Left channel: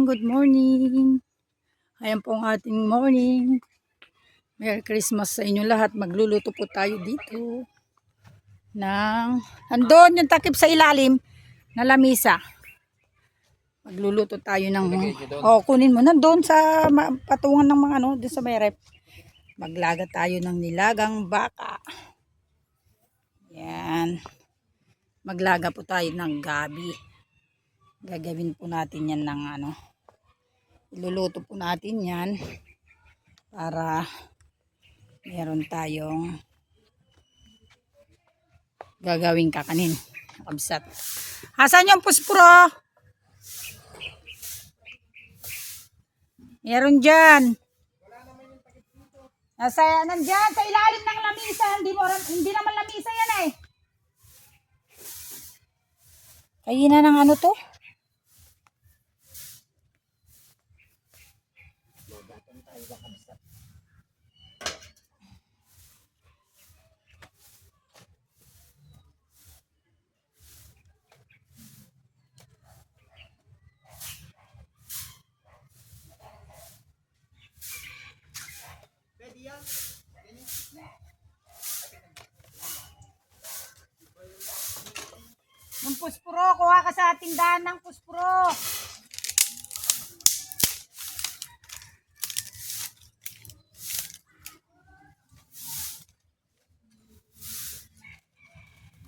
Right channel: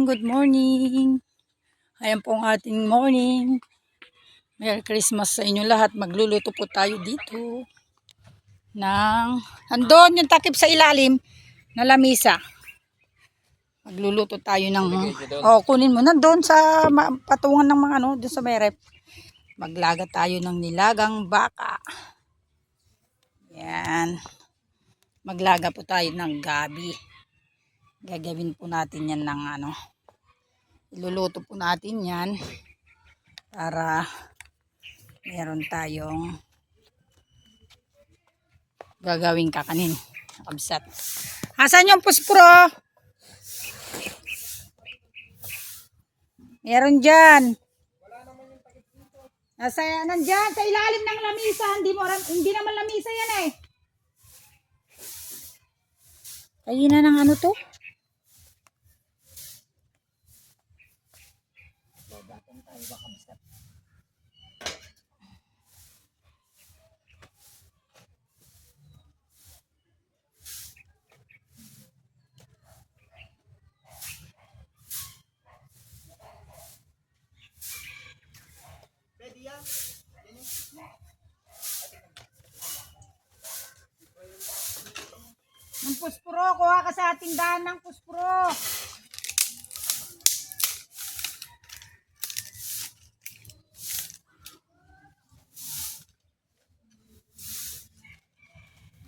morning, good morning. Ayan po ang ating morning. Merry Christmas sa inyo lahat. Magluluto po tayo dito ng andon yung takip sa ilalim na lamisa. Magluluto tayo ng kunin mo nandoon sa patungan ng mga doon sa may rep. Maglaga tayo ng nilagang baka. Yan. Maglaga po tayo ng gabi. Gagawin po natin yan ng iluluto po natin yan para meron tayong gagawing kakanin. Kabsat. Asan yung puspro? Meron dyan. Nandyan sa ilalim ng lamisa. Hindi naman lamisa yan eh. Kaya na ng to? Ng puspuro, kuha ka sa tindahan ng puspuro.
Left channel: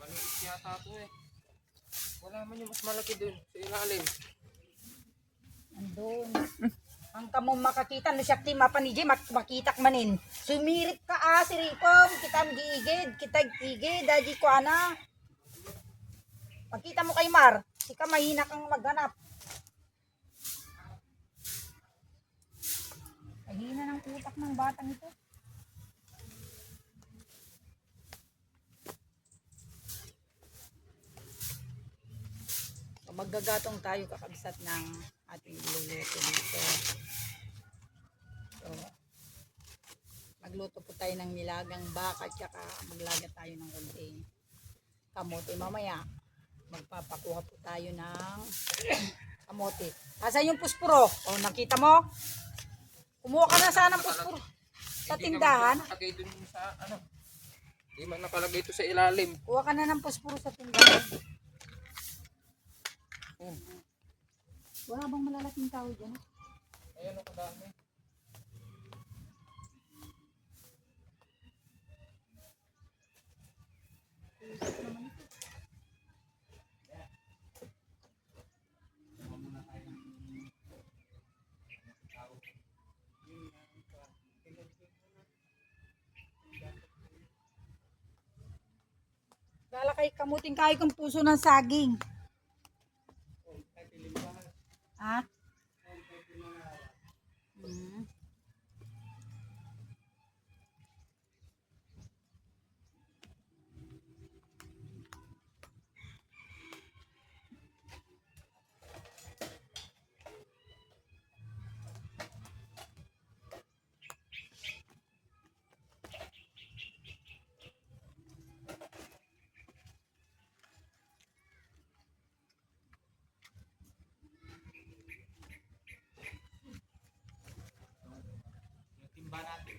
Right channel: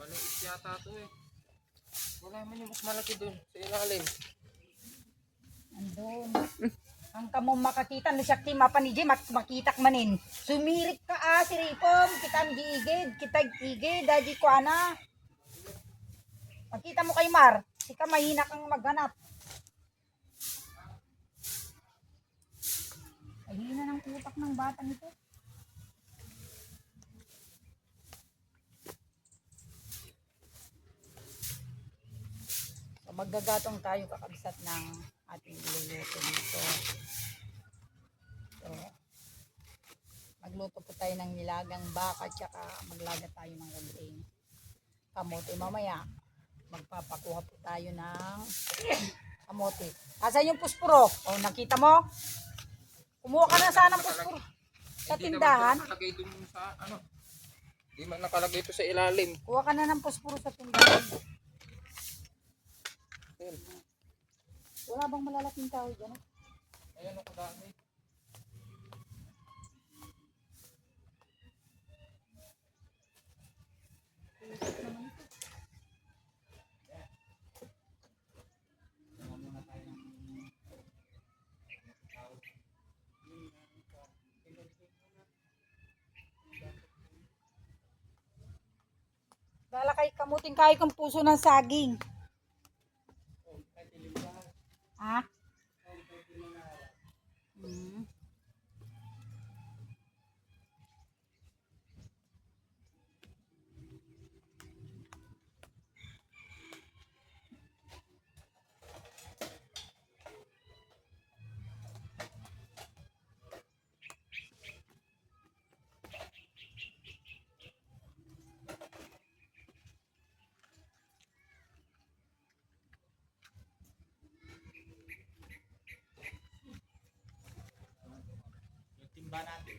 Maliit yata ito eh. Wala man yung mas malaki dun sa ilalim. Andun. Ang kamo makakita na siya kima panijay makitak manin. Sumirip ka si Ripom, kita giigid, kita igid, daji ko ana. Pagkita mo kay Mar, sika mahina kang maghanap. Mahina ng utak ng batang ito. So, maggagatong tayo kakabsat ng ating iluluto dito. So, magluto po tayo ng nilagang baka tsaka maglaga tayo ng konting kamote mamaya. Magpapakuha po tayo ng kamote. Asan yung puspuro? O, nakita mo? Kumuha ka na sana ng puspuro. Sa tindahan. Nakalagay dun sa Hindi man nakalagay ito sa ilalim. Kuha ka na ng puspuro sa tindahan. Wala bang malalaking tao dyan? Ayan o kadami. Lalakay kamuting kayo kang puso ng saging. Ha? Timba natin.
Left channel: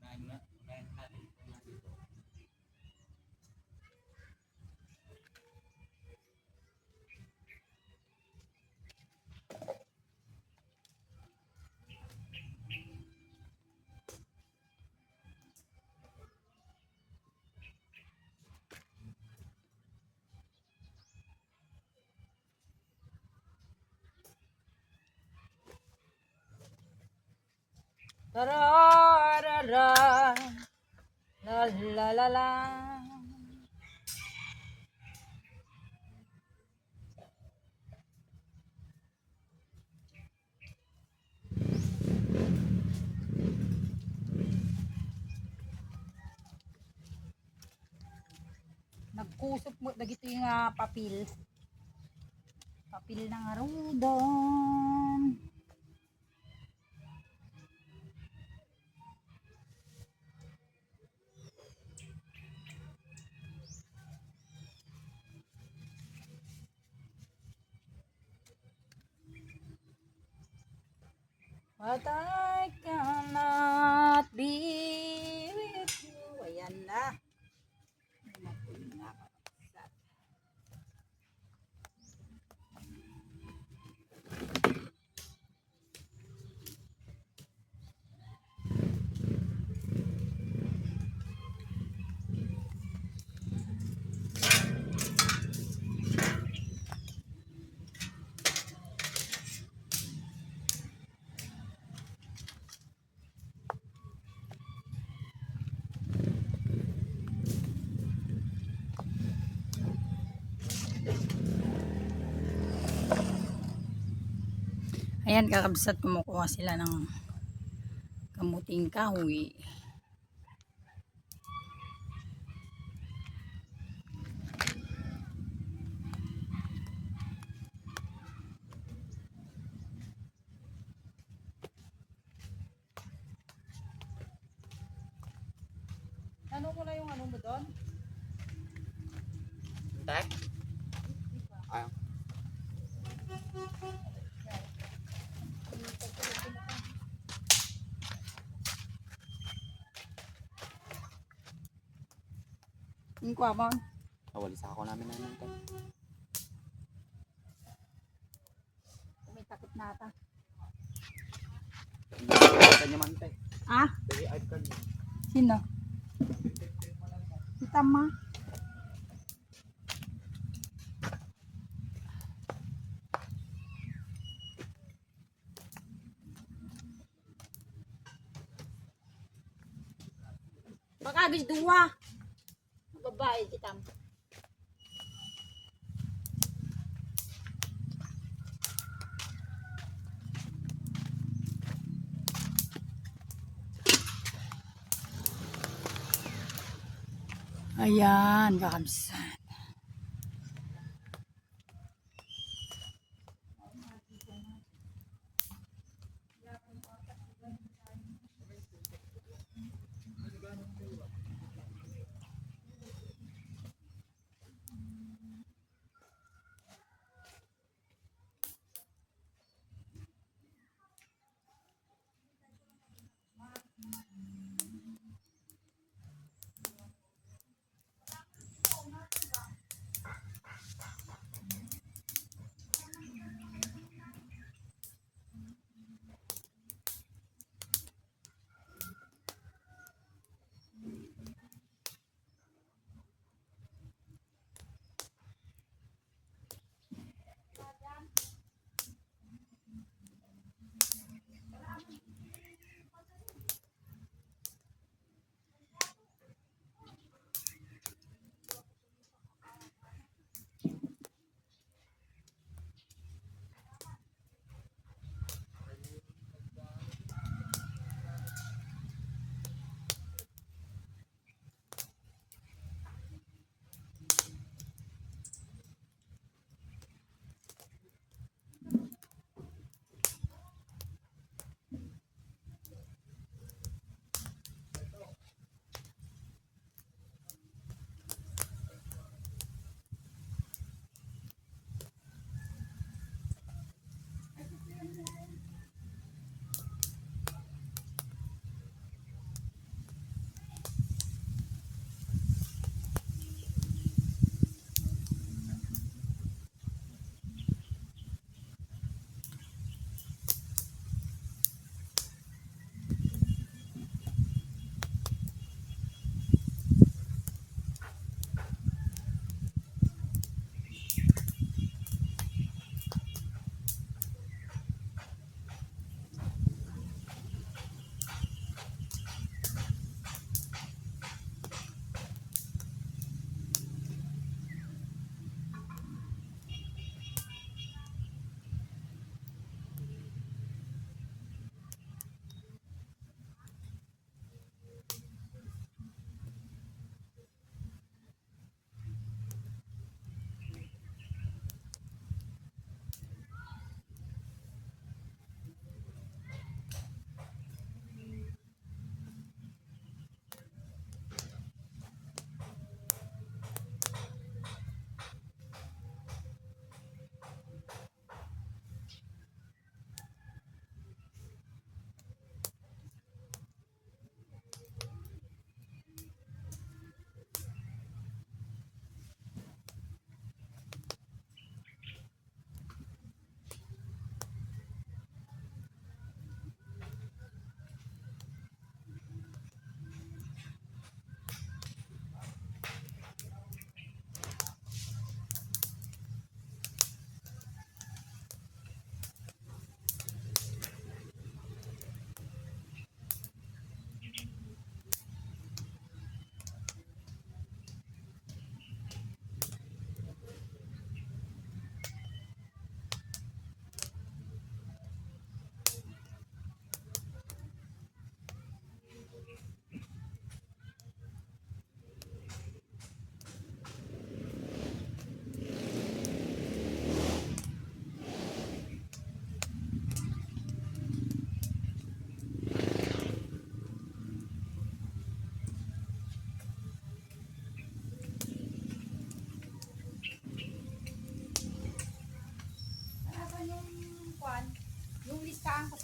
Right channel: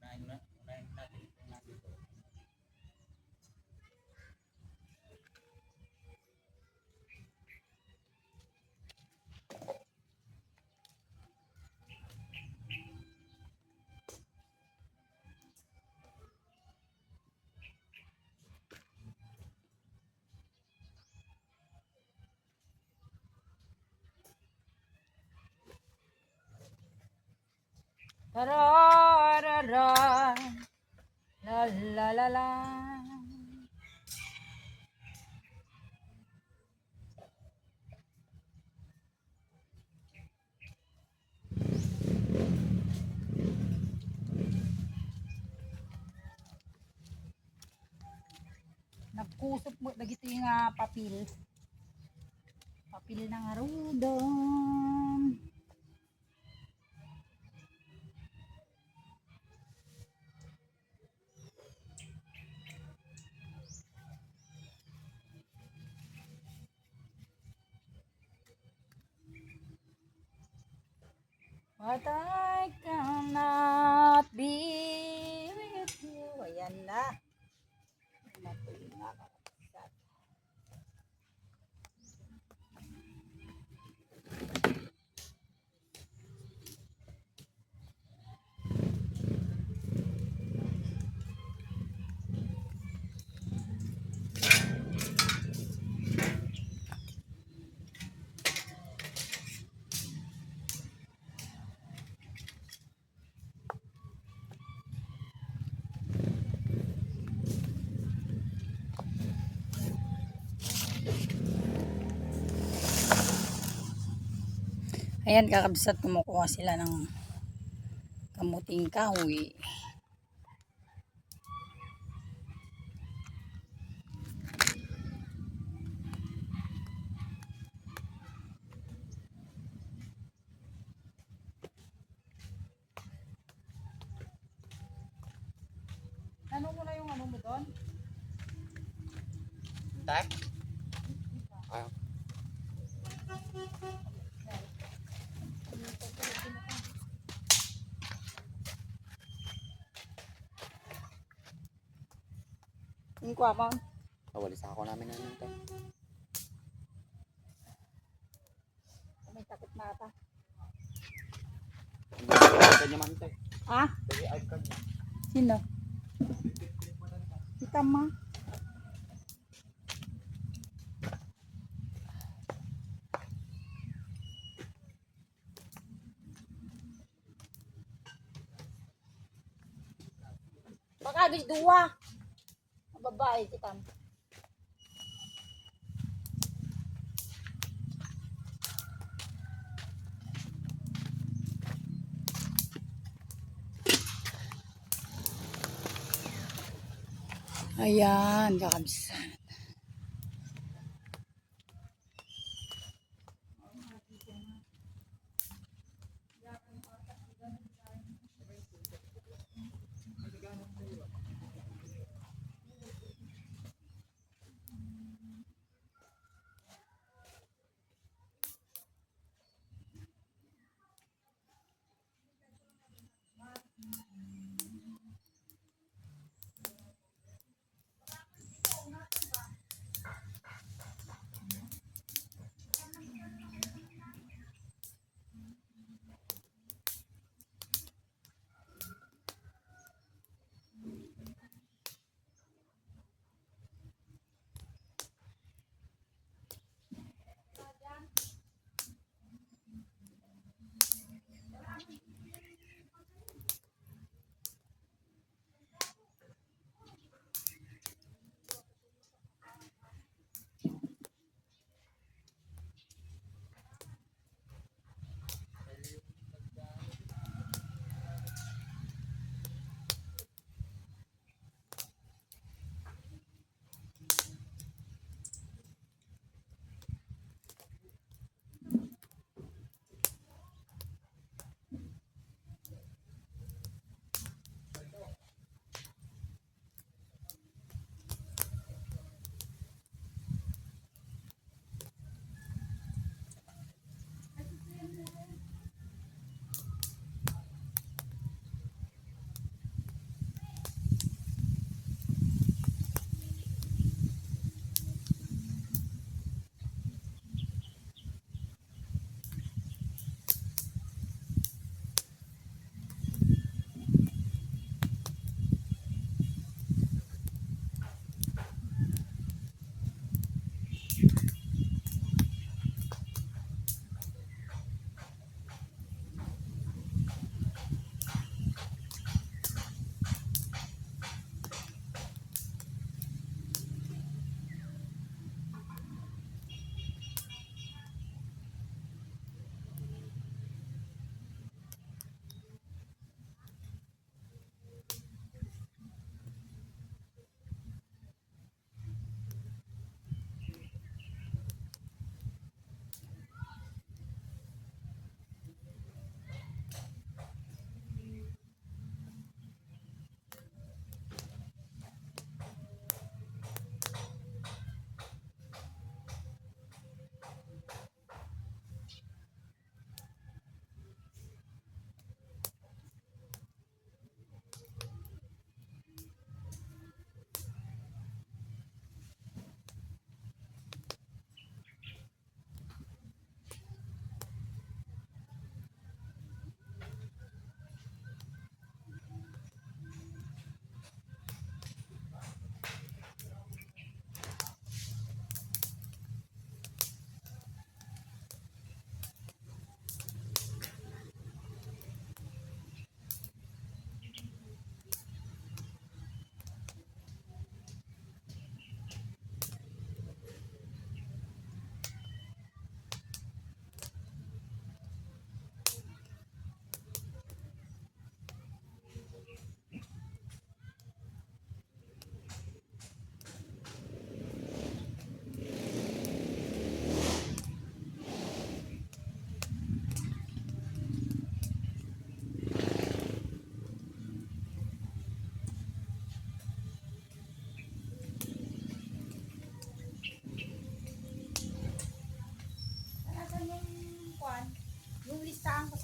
Unahin natin. Tararara, la la la la. Nagkusop mo dagito yung papil. Papil ng arudon. But I cannot be with you. Ayan na. Ayan, kakabsat, kumukuha sila ng kamuting kahoy. Ano mo na yung ano mo doon? Tak? Ah. Yung kuha mo. Kawalis ako namin namin ito. May takot na ata. Ito naman ito eh. Ah? Dari ID card niya. Sino? Si Tama. Baka agis dua. Babae si Tama. Ayan, kakabsat.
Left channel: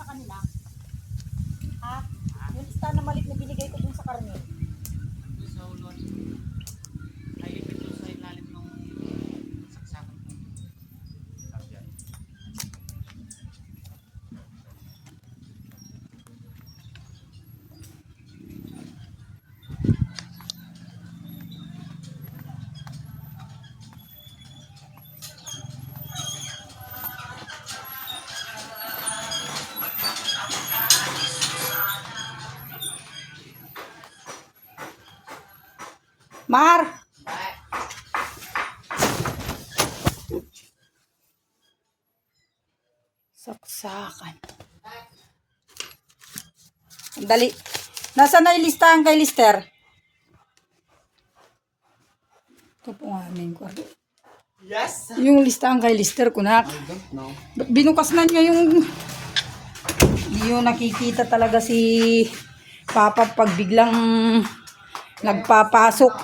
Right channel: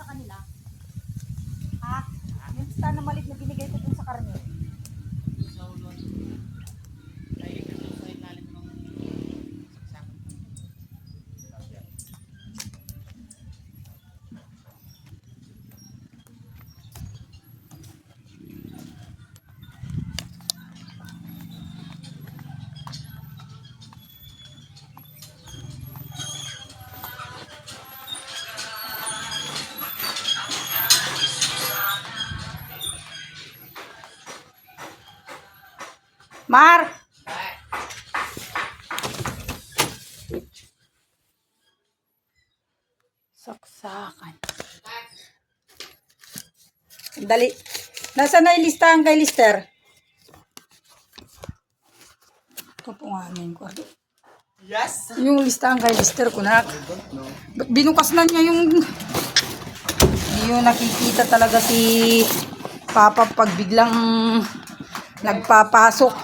kanila? Ha? Yung listahan na maliit na binigay ko dun sa karne. Sa ulon. Naipit doon sa ilalim ng saksakan ko. Kasya. Mar! Saksakan. Dali. Nasaan na yung listahan kay Lister? Ito po nga amin ko. Yes! Yung listahan kay Lister, kunak. Ba't binukas na niya yung... Yung nakikita talaga si Papa pag biglang nagpapasok.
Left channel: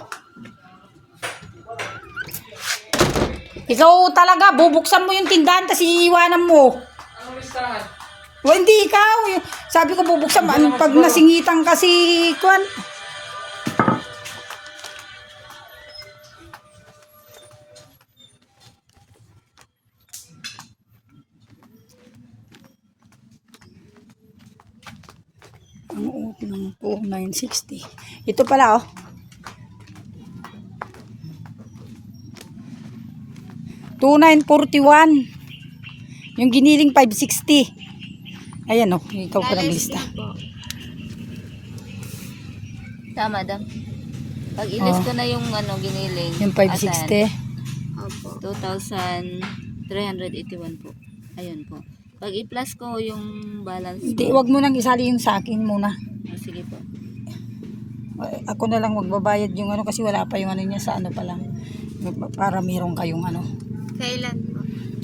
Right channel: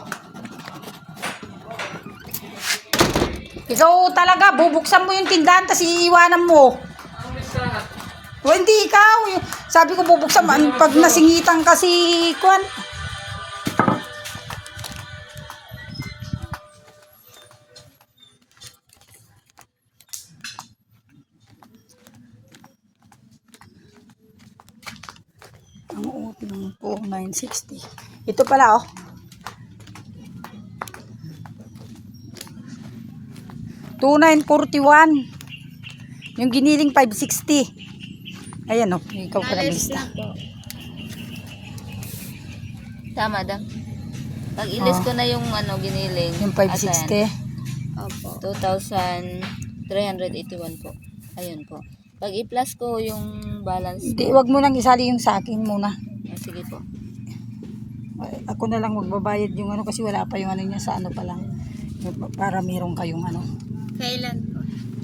Ikaw talaga, bubuksan mo yung tindahan tapos iiwanan mo. Ano listahan? O hindi ikaw. Sabi ko bubuksan mo. Pag nasingitan kasi, kuwan. Ang uot ng 4960. Ito pala oh. 2941. Yung giniling 560. Ayan oh, ikaw pinaglista. Tama, dam. Pag ilis Oh. ko na yung ano, giniling. Yung 560. Opo. 2,381 po. Ayun po. Pag i-plus ko yung balance Hindi, ko. wag mo nang isali yung sa akin muna. Ah, sige po. Ako na lang magbabayad yung ano kasi wala pa yung ano niya sa ano pa lang. Para meron kayong ano. Kailan po?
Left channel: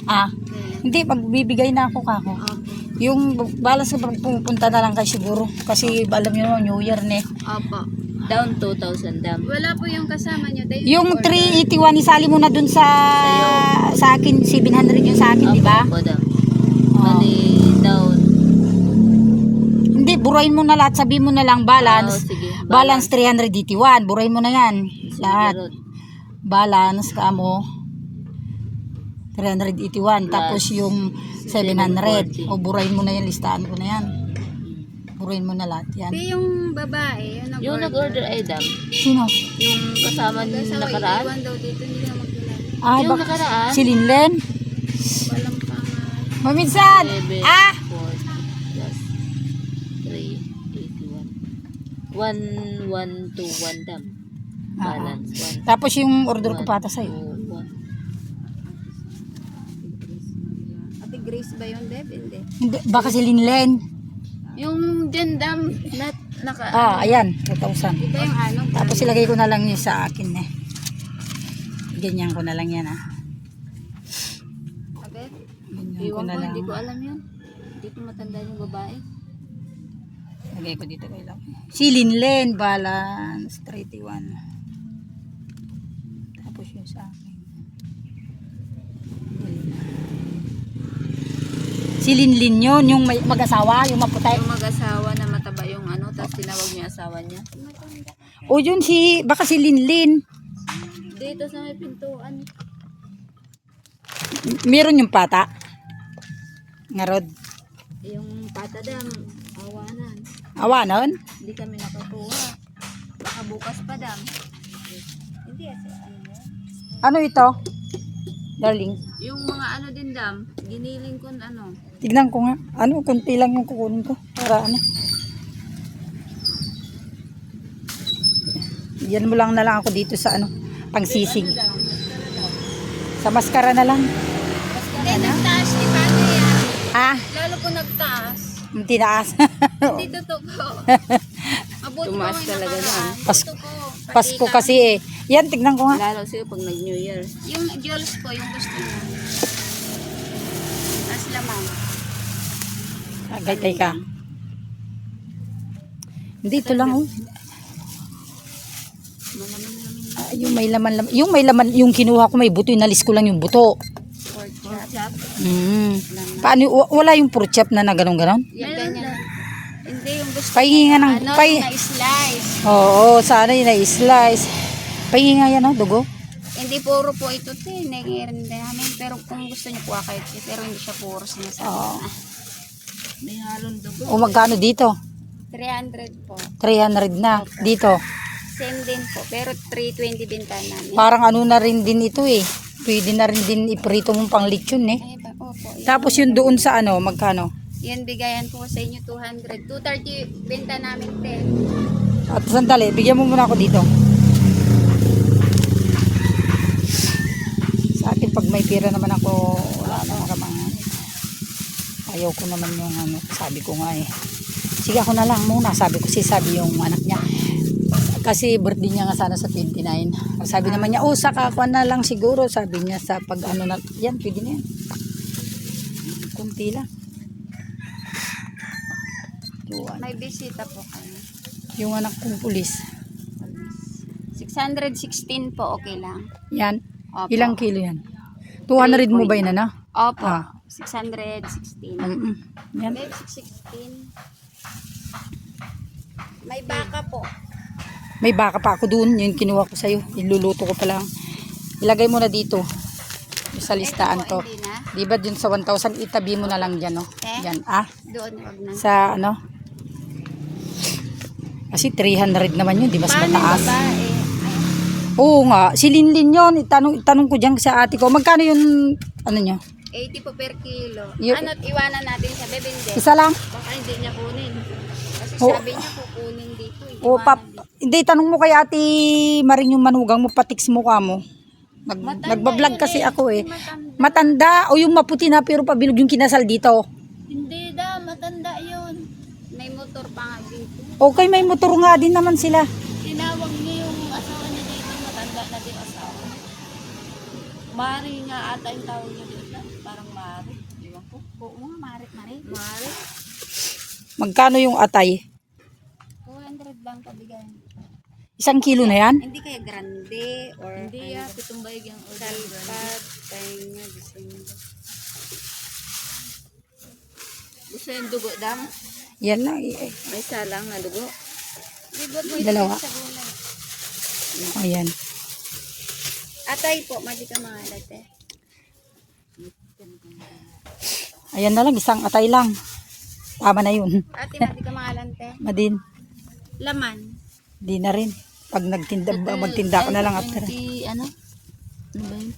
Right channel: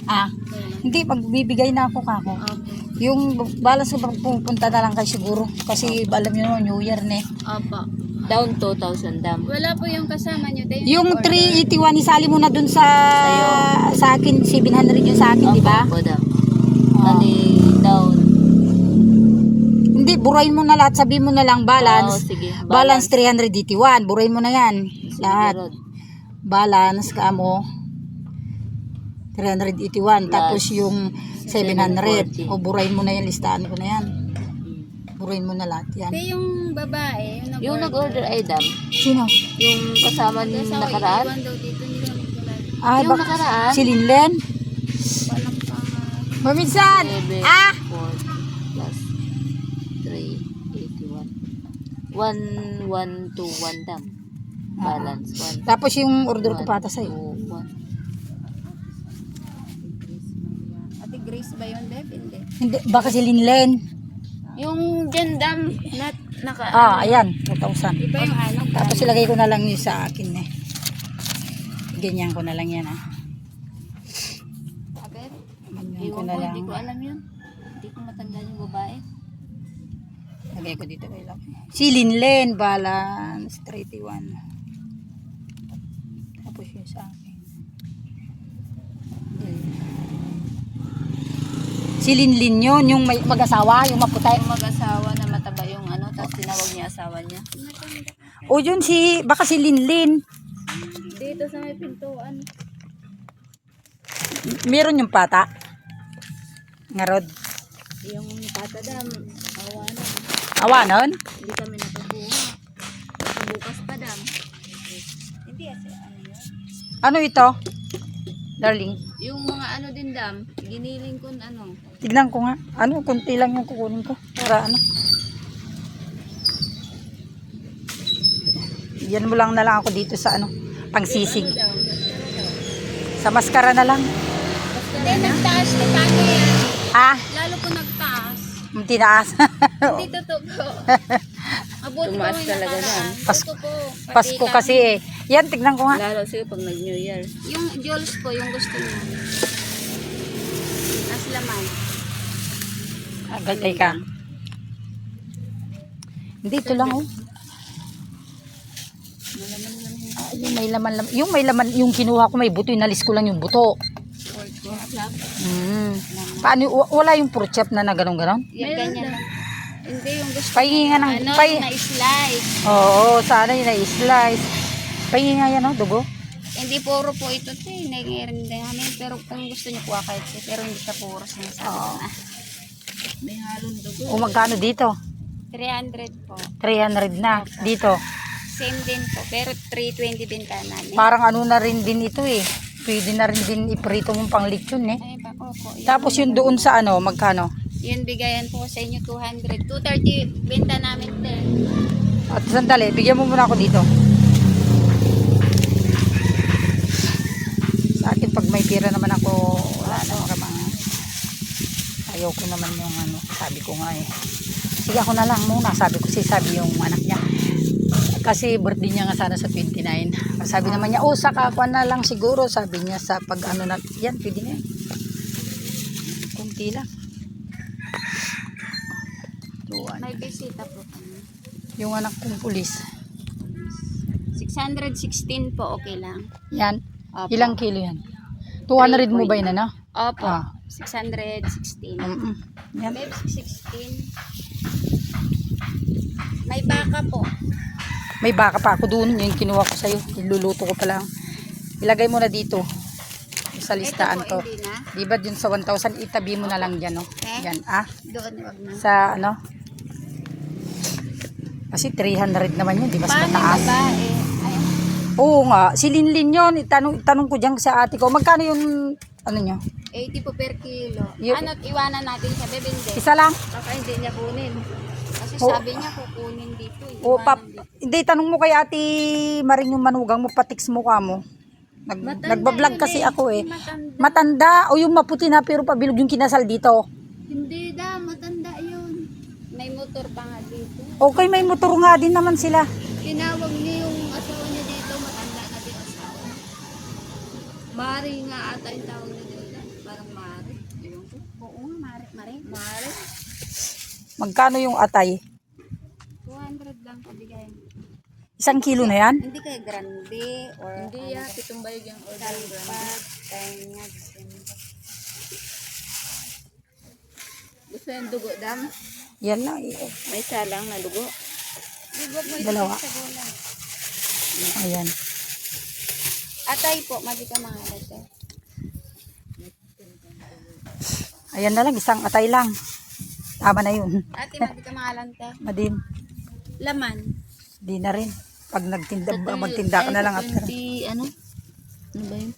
Ah, Kailan? hindi, magbibigay na ako kako. Opo. Yung balance na pupunta na lang kayo siguro. Kasi alam nyo naman, New Year na eh. Opo. Down 2,000, dam. Wala po yung kasama nyo. Yung 381, isali mo na dun sa Sa'yo. sa akin, 700 yung sa akin, di ba? Opo, dam. Bali, down. Hindi, burahin mo na lahat. Sabihin mo na lang Oh, balance. sige. Balance 381. Burahin mo na yan. Sige, Lahat. Rod. Balance ka mo 381. Tapos yung 700. 740. O burahin mo na yan. Listahan ko na yan. Burahin mo na lahat yan. Yung babae, Yung nag-order ay dam. Sino? Yung kasama yung nakaraan. Iwan daw dito, hindi ka magdala. Ah, Yung nakaraan. si Linlen? Walang pangalan. Maminsan! 7, Ah! 40 plus 381. 1121 dam. Balance. Tapos yung order ko pata sa'yo. 1, 2, 1. Ate Grace ba yun, Deb? Hindi. Hindi, baka si Linlen. Yung dyan dam, naka, Ah, ayan. 2,000. Iba yung ano, Tapos ilagay ko na lang yun sa akin eh. Ganyan ko na lang yan ah. agad. Ganyan ko Iwan na ko, lang. hindi ko alam yun. Hindi ko matanda yung babae. Lagay ko dito kay lang. Si Linlen, balance 31. Tapos yun sa akin. Si Linlin yun, yung may mag-asawa, yung maputi. Yung mag-asawa na mataba yung ano, tapos tinawag niya asawa niya. O yun si, baka si Linlin. Dito sa may pintuan. Meron yung pata. Ngarod. Yung pata dam, awa na. Awa nun? Hindi kami nakakuha. Nakabukas pa dam. Hindi kasi ano yun. Ano ito? Darling. Yung mga ano din dam, giniling ko ano. Tignan ko nga. Ano, kunti lang yung kukunin ko. Para ano. Yan mo lang na lang ako dito sa ano, pangsisig. Sa maskara na lang. Hindi, nagtaas ni Paano yan. Ah, Lalo po nagtaas. tinaas. Hindi totoo po. Abot Tumaas po, talaga yan. Pasko, Ito po. Pasko kasi eh. Yan, tignan ko nga. Lalo siya pag nag-New Year. Yung jewels ko, yung gusto niya. As lamang. Agay ka. Hindi, ito lang oh. Ah, yung may laman, yung may laman, yung kinuha ko may buto, inalis ko lang yung buto. Chop. Paano, wala yung pork chop na ganon-ganon? Yan, ganyan lang. Hindi, yung gusto Pahinga ng, ano, na-slice. oo, sana yung na-slice. Pahinga yan, no, dugo. Hindi puro po ito, nagirin din namin. Pero kung gusto niyo po kahit pero hindi siya puro sinasabi na. May halong dugo. O magkano dito? 300 po. 300 na. Dito. Same din po, pero 320 din tayo namin. Parang ano na rin din ito eh. Pwede na rin din iprito mong pang lechon eh. Ay, opo. Tapos yung doon sa ano, magkano? Yun, bigayan po sa inyo 200. 230 benta namin din. At sandali, bigyan mo muna ako dito. Sa akin, pag may pira naman ako, wala na kamang. Ayaw ko naman yung ano, sabi ko nga eh. Sige ako na lang muna, sabi yung anak niya. Kasi birthday niya nga sana sa 29. Sabi naman niya, saka ako na lang siguro. Sabi niya sa pag ano na, yan, pwede na yan. Kunti lang. Tuwan. May bisita po kayo. Yung anak kong pulis. 616 po, okay lang. Yan. Opo. Ilang kilo yan? 200 mo ba yun na? Opo. Ah. 616. Yan. Babe, 616. May baka po. May baka pa ako doon. Yung kinuha ko sa'yo. Iluluto ko pa lang. Ilagay mo na dito. Sa listaan Ito po, to. hindi na. Diba dun sa 1,000, itabi mo na lang dyan. No? Yan. Doon, wag na. Sa ano? Kasi 300 naman yun. Di mas Paano yung mataas. babae? Ay, Oo nga. Si Linlin yun. Itanong ko dyan sa ate ko. Magkano yung ano nyo? 80 po per kilo. Yun. Ano't iwanan natin sa bebende? Isa lang? Baka hindi niya kunin. Kasi Oh. sabi niya kukunin dito. O Iwanan dito. hindi, tanong mo kay ate Maring yung manugang mo, patiks mo ka mo. Nagbablog kasi ako eh. Matanda o yung maputi na pero pabilog yung kinasal dito. Hindi da, matanda yun. May motor pa nga dito. Okay, may motor nga din naman sila. Tinawag niya yung asawa niya dito, matanda na din asawa. Mari nga ata yung tawag niya dito. Parang Mari. Iwan ko. Oo nga, Mari. Mari. Magkano yung atay? 200 lang kabigay. 1 kilo na yan? Hindi kaya grande or hindi ya, pitong bayog yung salpag, tainga, December. Gusto yung dugo dang? Yan lang. May salang na dugo. Dugo mo Dalawa. sa gulay. Ayan. Atay po, madi ka mga late. Ayan na lang, isang atay lang. Tama na yun. Ate, madi ka mga lante. Madin. Laman. Di na rin. Pag magtinda ka na lang after. Ano? Ano ba yun?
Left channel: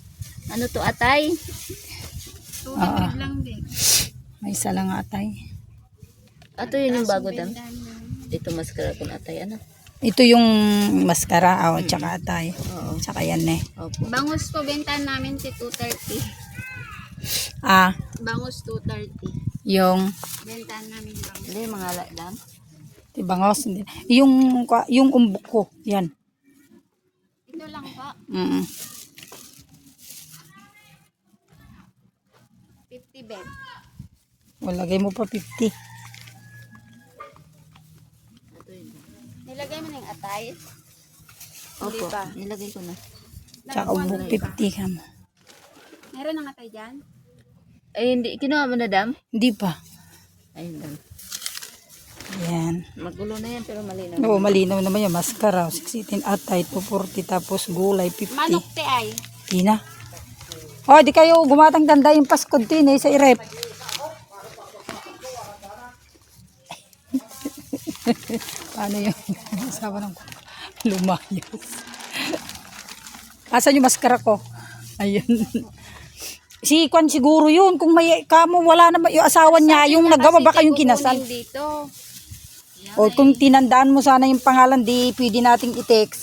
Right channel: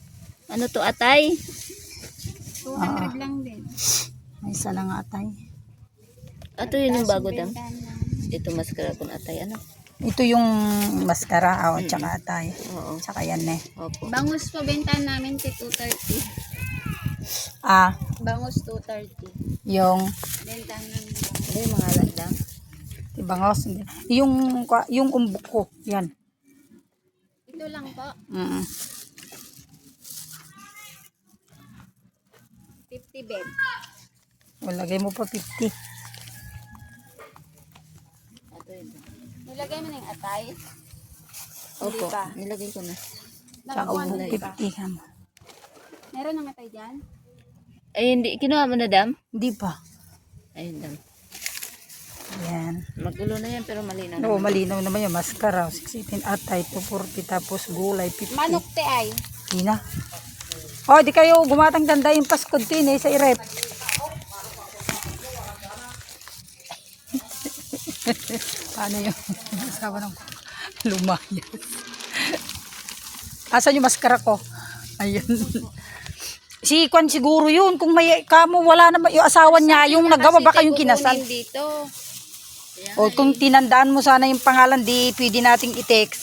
Ano to, atay? 200 lang din. May isa lang atay. Ato yun yung bago dam. Ito maskara kun atay ano. Ito yung maskara, tsaka atay. Oo. Tsaka yan eh. Opo. Bangus po, bentahan namin si 230. Bangus 230. Yung Bentahan namin bangus. Hindi mga ladang. tibangos. Yung umbok ko. Yan. Ito lang po. 50 bed. Lagay mo pa 50. Ato yun. Nilagay mo ng atay. Opo. Nilagay ko na. Tsaka umbok 50 ka mo. Meron ng atay dyan? Ay hindi kinuha mo na dam. Hindi pa. Ayun dam. Yan. Magulo na yan pero malinaw. Oo, malinaw naman yung maskara. 16 atay, 240, tapos gulay, 50. Manok te ay. Di na. Di kayo gumatang ganda yung paskod din sa irep. Paano yung asawa ng lumayas? Asan yung maskara ko? Ayun. Si Kwan siguro yun. Kung may kamo, wala naman yung asawa niya. Yung nagawa baka yung kinasal. Dito. O kung tinandaan mo sana yung pangalan, di pwede nating i-text.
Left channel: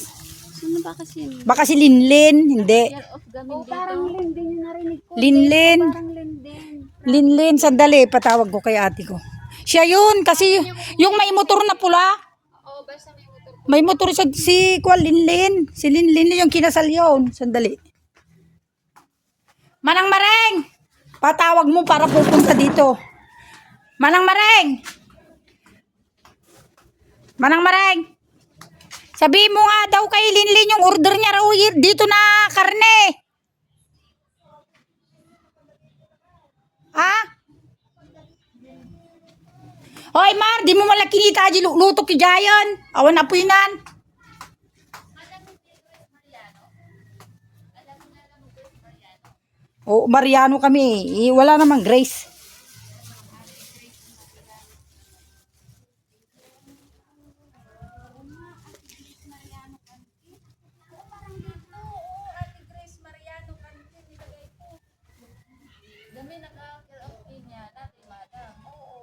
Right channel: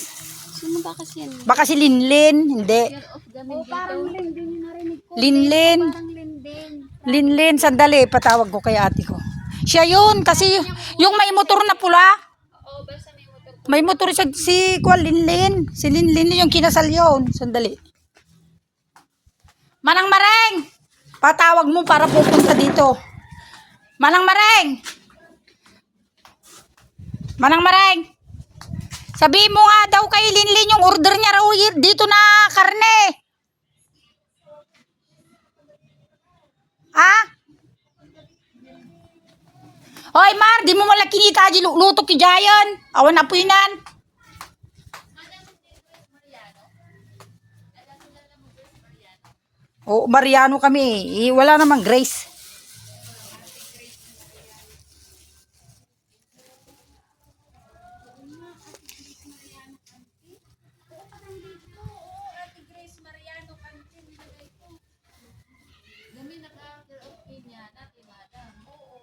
Sino ba kasi yan? Baka si Linlin. Hindi. Year of gamin dito. Parang Linden yung narinig ko. Linlin. Parang Linden. Linlin, sandali. Patawag ko kay ate ko. Siya yun. Kasi yung may motor na pula. Oo, basta may motor. May motor siya si Kwan Linlin. Si Linlin yung kinasal yun. Sandali. Manang Mareng! Patawag mo para pupunta dito. Manang Mareng! Manang Mareng! Sabihin mo nga daw kay Linlin yung order niya raw dito na karne. Hoy, Mar, di mo malaki kinita, luto ki Jayan. Awan na po inan. Oo, Mariano kami. Wala namang Grace.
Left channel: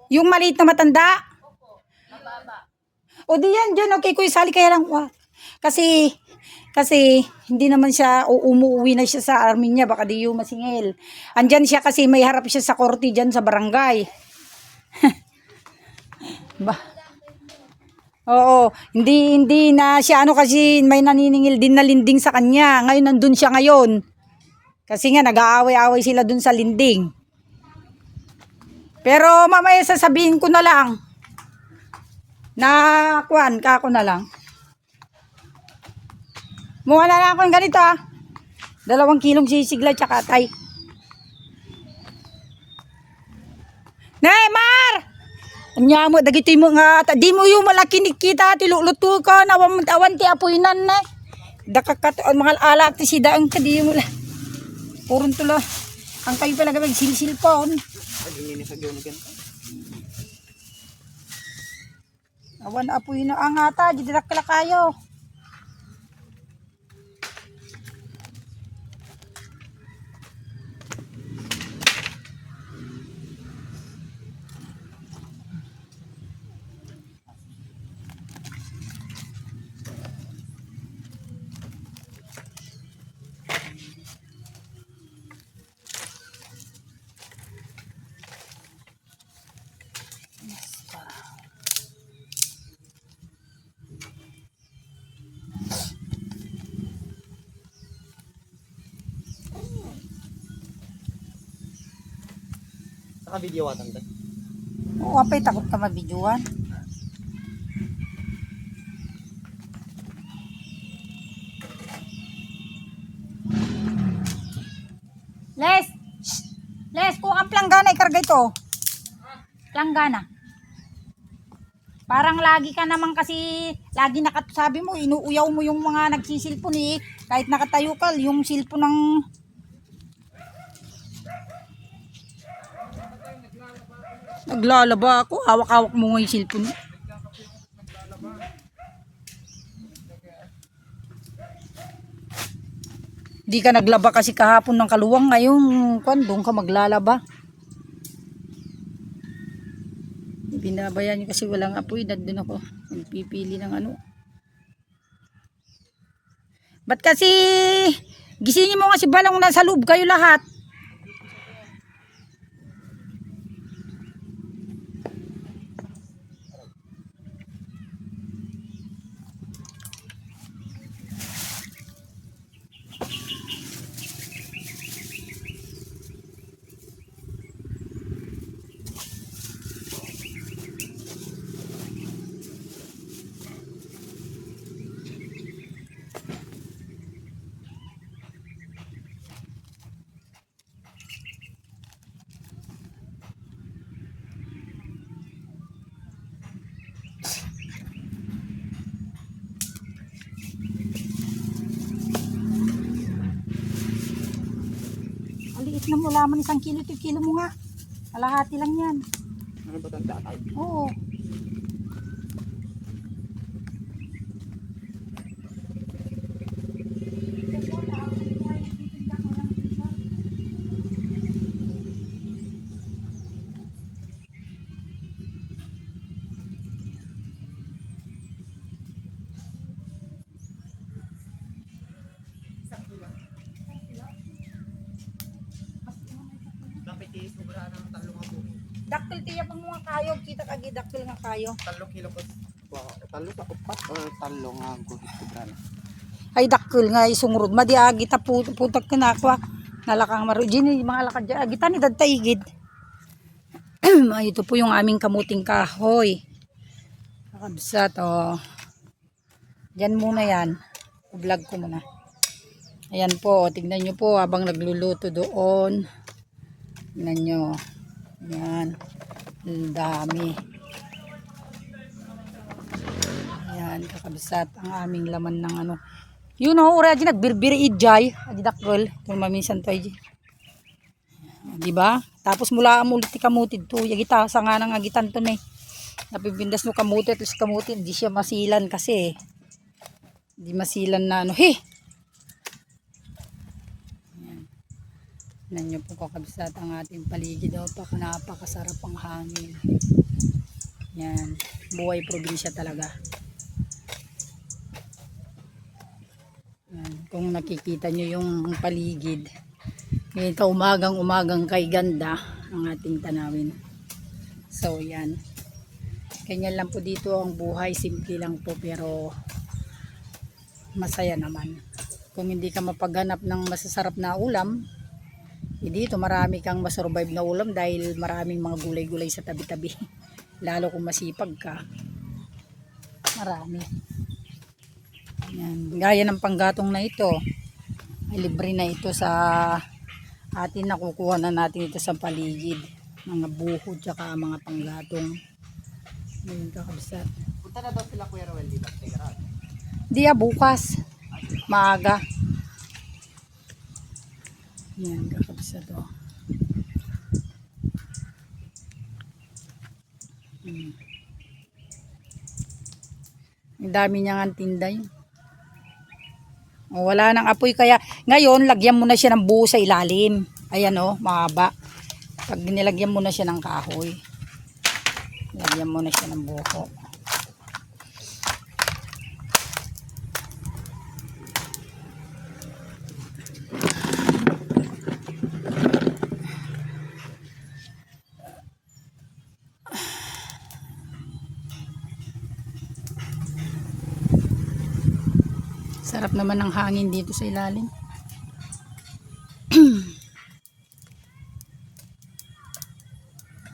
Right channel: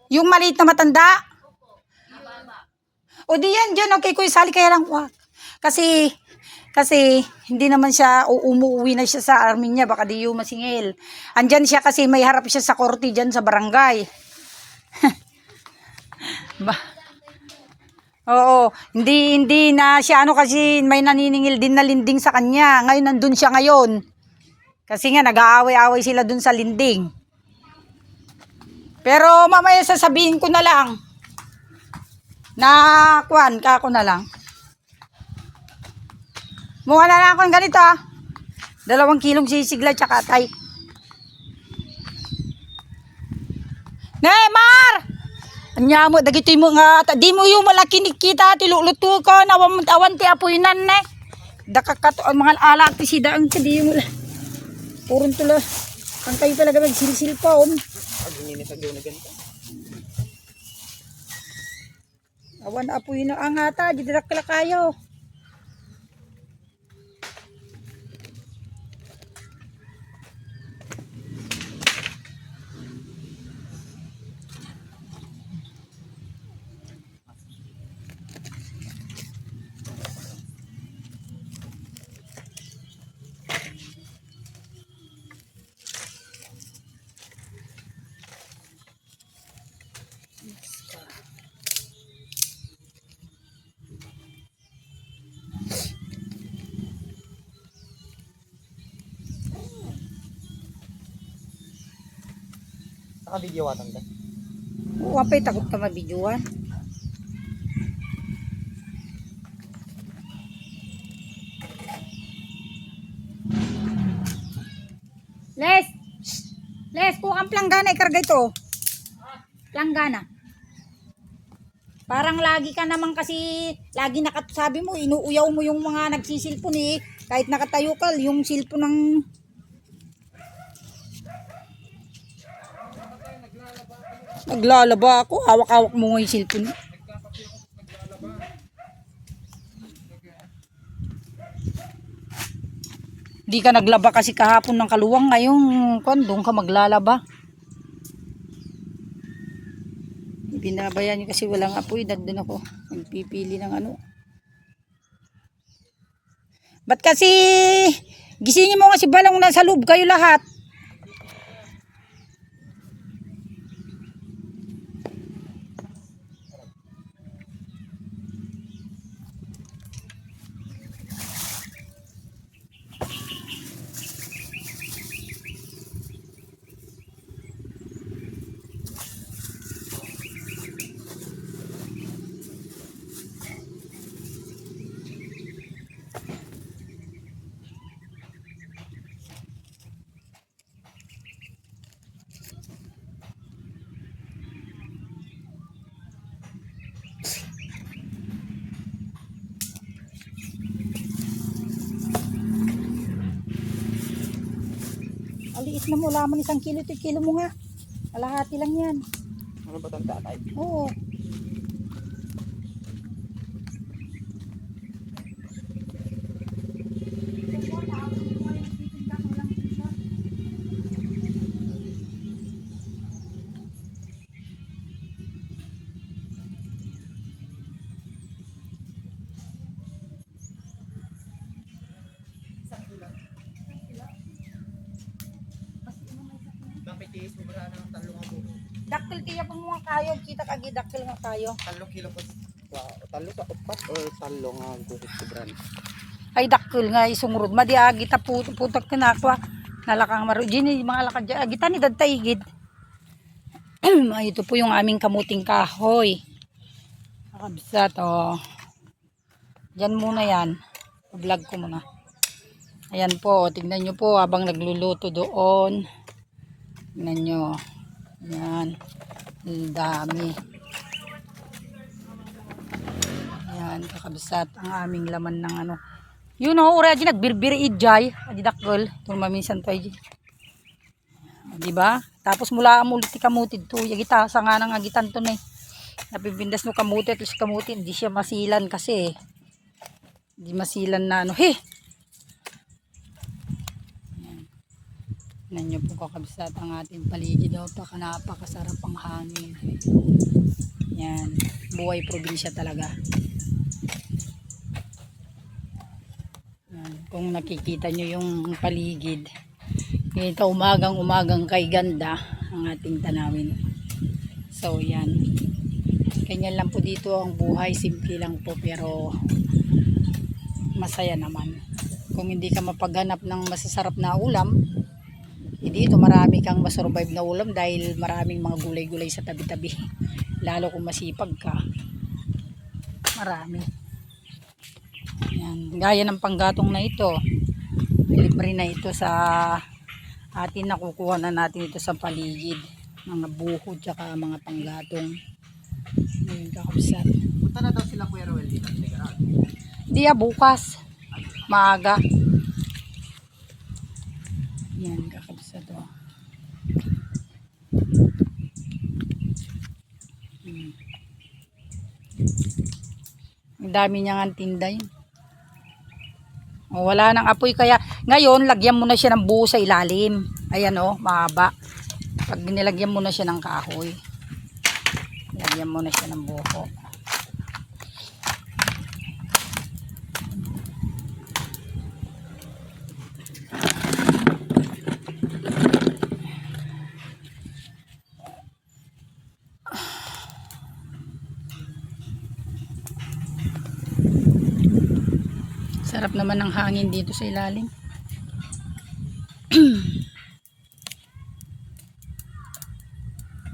Yung maliit na matanda? O di yan dyan, okay, kuya, sali kaya lang. Kasi hindi naman siya, umuwi na siya sa army niya, baka di yung masingil. Andyan siya kasi may harap siya sa korte dyan sa barangay. Oo, hindi na siya kasi may naniningil din na linding sa kanya. Ngayon nandun siya ngayon. Kasi nga nag-aaway-aaway sila dun sa linding. Pero mamaya sasabihin ko na lang. Na kuwan, kako na lang. Mukha na lang akong ganito 2 kilong sisigla tsaka tay. Neymar! Anya mo, dagiti mo nga. Di mo yung malaki nikita, tiluluto ka, awan ti apoy nan ne. Dakakat, mga alak ti sidaan ka, di mo lang. Purun tulo. Ang kayo pala gamit, silsil pa on. Awan apoy na angata, didak kala kayo. Naka-video watan ba? Oo, apay takot ka mabidyoan. Les, kung ang planggana ikarga ito. Planggana. Parang lagi ka naman kasi, lagi sabi mo, inuuyaw mo yung mga nagsisilpon eh. Kahit nakatayo ka, yung silpon ng... Naglalaba ako, hawak-hawak mo nga yung silpon. Di ka naglaba kasi kahapon ng kaluwang, ngayon doon ka maglalaba. Binabayan niyo kasi walang apoy, nandun ako nagpipili ng ano. Ba't kasi gisingin mo nga si Balong, nasa loob kayo lahat. Aliit na mo, laman 1 kilo, 2 kilo mo nga. Alahati lang yan. Ano ba tanda tayo? Oo. Dapat tiis mo ba ng 3 abo? Daktil tiya pang mga kayo, kita kagi daktil nga kayo. 3 kilo pa. Wow, 3 sa 4 o 3 nga guhit ko brana. Ay daktil nga isungurod, madi agita putak tinakwa. Nalakang marujin, mga lakad dyan, agita ni dadtaigid. Ito po yung aming kamuting kahoy. Nakabsat, oh. Diyan muna yan. Vlog ko muna. Ayan po, tignan nyo po habang nagluluto doon. Tignan nyo. Yan. Ang dami. Yan, kakabsat ang aming laman ng ano. You know, ura dyan, nagbirbiri ijay. Adidakol. Kung maminsan to ay. Diba? Tapos mula amulit kamutid to. Yagita, sa nga nang agitan to na eh. Napipindas no kamuti at kamuti. Hindi siya masilan kasi eh. Hindi masilan na ano. He! Yan. Nanyo po kakabsat ang ating paligid. Napakasarap ang hangin. Yan. Buhay probinsya talaga. Kung nakikita nyo yung paligid, ito umagang kay ganda ang ating tanawin. So yan, ganyan lang po dito ang buhay, simple lang po pero masaya naman. Kung hindi ka mapaghanap ng masasarap na ulam, dito marami kang masurvive na ulam dahil maraming mga gulay-gulay sa tabi-tabi. Lalo kung masipag ka, marami. Yan. Gaya ng panggatong na ito, libre na ito sa atin, nakukuha na natin ito sa paligid, mga buhod tsaka mga panggatong. Ngayon kakabsat. Punta na daw sila Kuya Roel dito. Di bukas maaga. Yan kakabsat to. Ang dami niyang tinda yun. O, wala nang apoy kaya ngayon lagyan mo na siya ng buo sa ilalim. Ayan o, mahaba. Pag nilagyan mo na siya ng kahoy, lagyan mo na siya ng buho. Sarap naman ng hangin dito sa ilalim.